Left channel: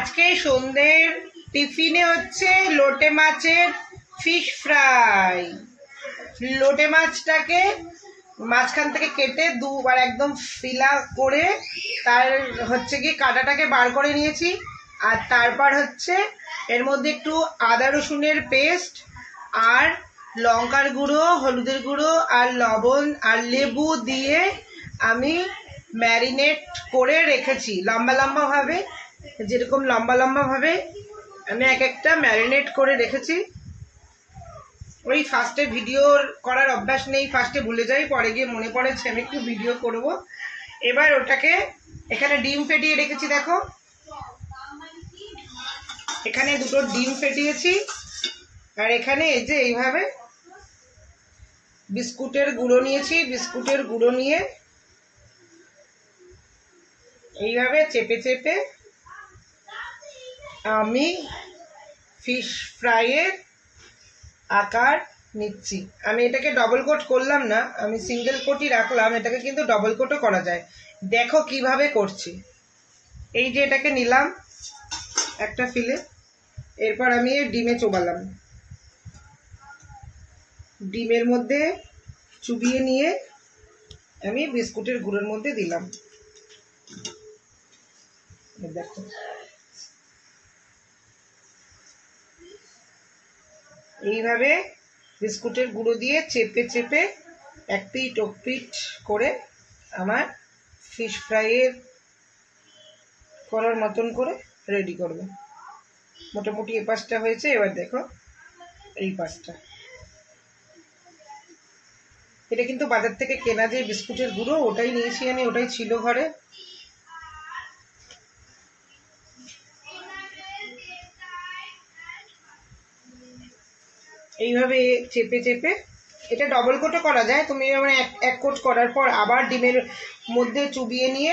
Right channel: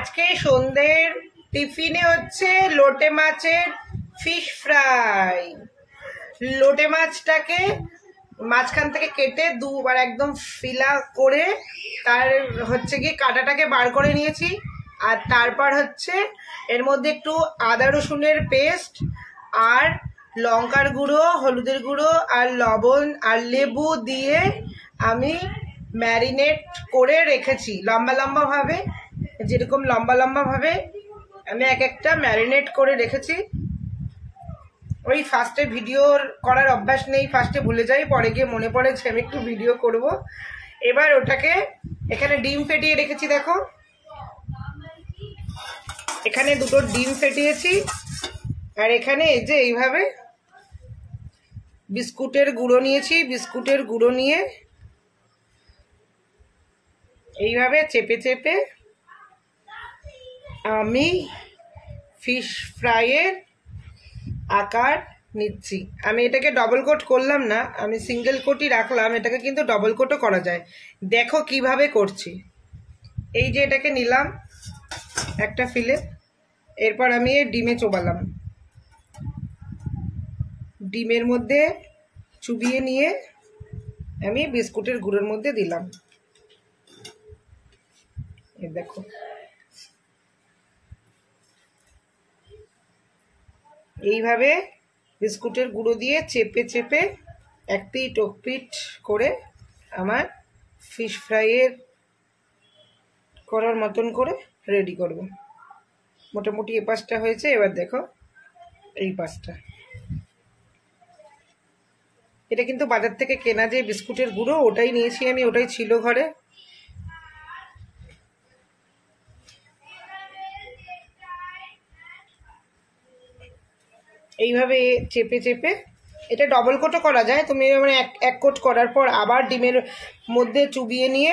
আজকে সন্ধ্যের টিফিনে হচ্ছে লোটে মাছের ফিশ ফ্রাই। লোটে মাছটাকে মাঝখান থেকে কেটে দুবার একদম ফিলা করে তার হচ্ছে কি কাঁটাটাকে বার করে নিয়েছি। আর তারপর হচ্ছে এর মধ্যে একটু আদা রসুনের পেস্ট আর লঙ্কার গুঁড়ো, হলুদের গুঁড়ো আর লবণ আর লেবু দিয়ে আমি ম্যারিনেট করে রেখেছি লম্বা লম্বাভাবে, যেরকম লম্বা লম্বাভাবে আমি এক একটা ম্যারিনেট করে রেখেছি। ওই ফার্স্টে ভিডিও করার অভ্যাস নেই, ফার্স্টে ভুলে যাই, পরে গিয়ে মনে পড়েছে আমি একটু ভিডিও করব। এবার ওটাকে এখানে ডিম ফেটিয়ে রেখেছি, দেখো এখানে দুটো ডিম ফেটিয়েছি। আর এখানে এই যে এইভাবে বিস্কুটের গুঁড়ো নিয়েছি, বিস্কুটের গুঁড়ো নিয়ে এইভাবে চেপে চেপে আমি ফিশ ফ্রাইয়ের আকার নিচ্ছি। আমি এটাকে ডবল কোট করলাম না, আমি সিঙ্গেল কোটই রাখলাম। এটাকে কিন্তু ডবল কোটও করা যায়, দেখো কিভাবে করছি। এই যে এটাকে নিলাম একটা ফিলে, এরপর আমি ডিমে চোবালাম, ডিমের মধ্যে চুবিয়ে নিয়ে আমি বিস্কুটের গুঁড়োর মধ্যে দিলাম। এই দেখো এইভাবে বিস্কুটের গুঁড়ো দিয়ে চেপে চেপে এক পিঠ ও পিঠ করে আমার ফিশ ফ্রাইয়ের করার মতন করে রেডি করব। মোটামুটি এই পাশটা হয়েছে, এবার দেখো এই পাশটা। এটা কিন্তু বাজার থেকে কেনা যে বিস্কুটের গুঁড়ো ওটাই নিয়েছি আমি, ওটাই ছিল ঘরে। এইভাবে চেপে চেপে এটা ডবল কোটও করা যায়, তুমি মানে এক কোট করার পর আবার ডিমের মধ্যে চুবিয়ে নিয়ে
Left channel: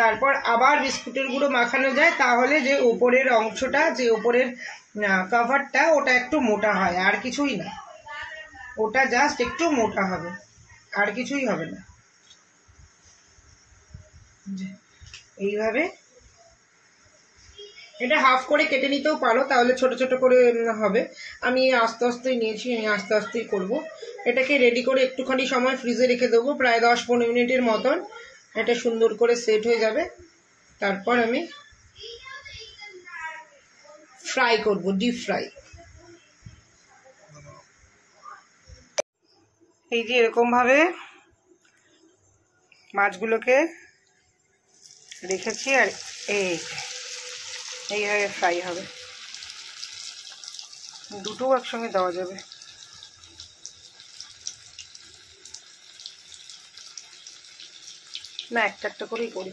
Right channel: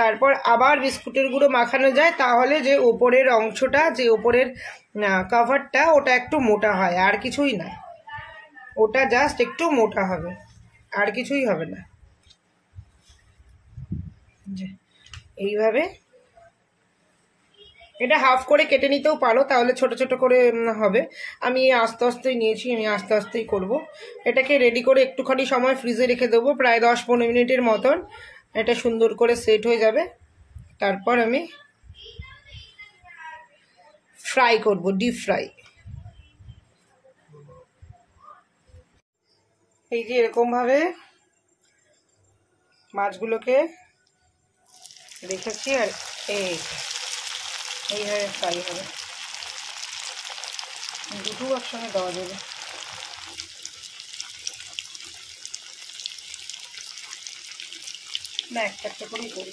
তারপর আবার বিস্কুটের গুঁড়ো মাখানো যায়, তাহলে যে ওপরের অংশটা, যে ওপরের কভারটা ওটা একটু মোটা হয়, আর কিছুই না, ওটা জাস্ট একটু মোটা হবে, আর কিছুই হবে না। এইভাবে এটা হাফ করে কেটে নিতেও পারো, তাহলে ছোট ছোট করে হবে। আমি আস্তে আস্তেই নিয়েছি, আমি আস্তে আস্তেই করব। এটাকে রেডি করে একটুখানি সময় ফ্রিজে রেখে দেবো, প্রায় 10-15 মিনিটের মতন। এটা সুন্দর করে সেট হয়ে যাবে, তারপর আমি ফ্রাই করব, ডিপ ফ্রাই। এই যে এরকমভাবে মাছগুলোকে রেখেছি, আর এইভাবে ফ্রাই হবে, দুটো একসঙ্গে দেওয়া যাবে। না, একটা একটা করেই করি।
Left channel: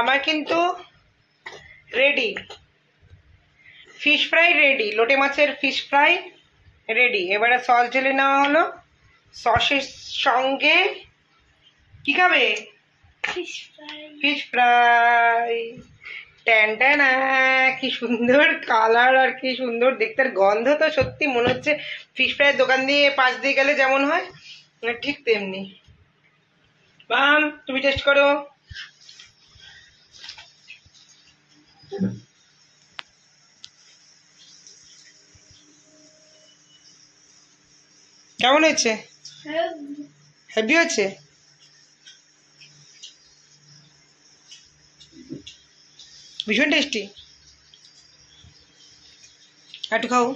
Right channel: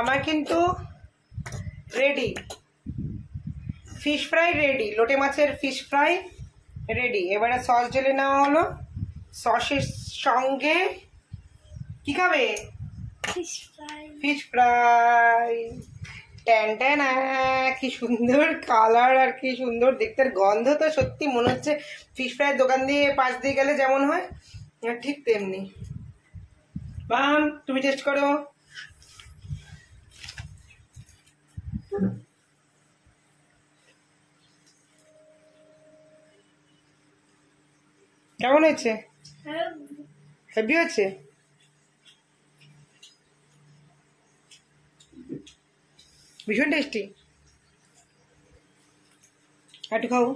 আমার কিন্তু রেডি ফিশ ফ্রাই, রেডি লোটে মাছের ফিশ ফ্রাই রেডি। এবারে সস ঢেলে নেওয়া হলো, সসের সঙ্গে কি খাবে? Fish fry. ট্যান ট্যান, কি সুন্দর কালার আর কি সুন্দর দেখতে, গন্ধ তো সত্যি মনে হচ্ছে ফিশ ফ্রাইয়ের দোকান দিয়ে পাশ দিয়ে গেলে যেমন হয় ঠিক তেমনি। বাম, তুমি টেস্ট করো। কেমন হয়েছে? হেভি হয়েছে, ভীষণ টেস্টি। একটু খাও।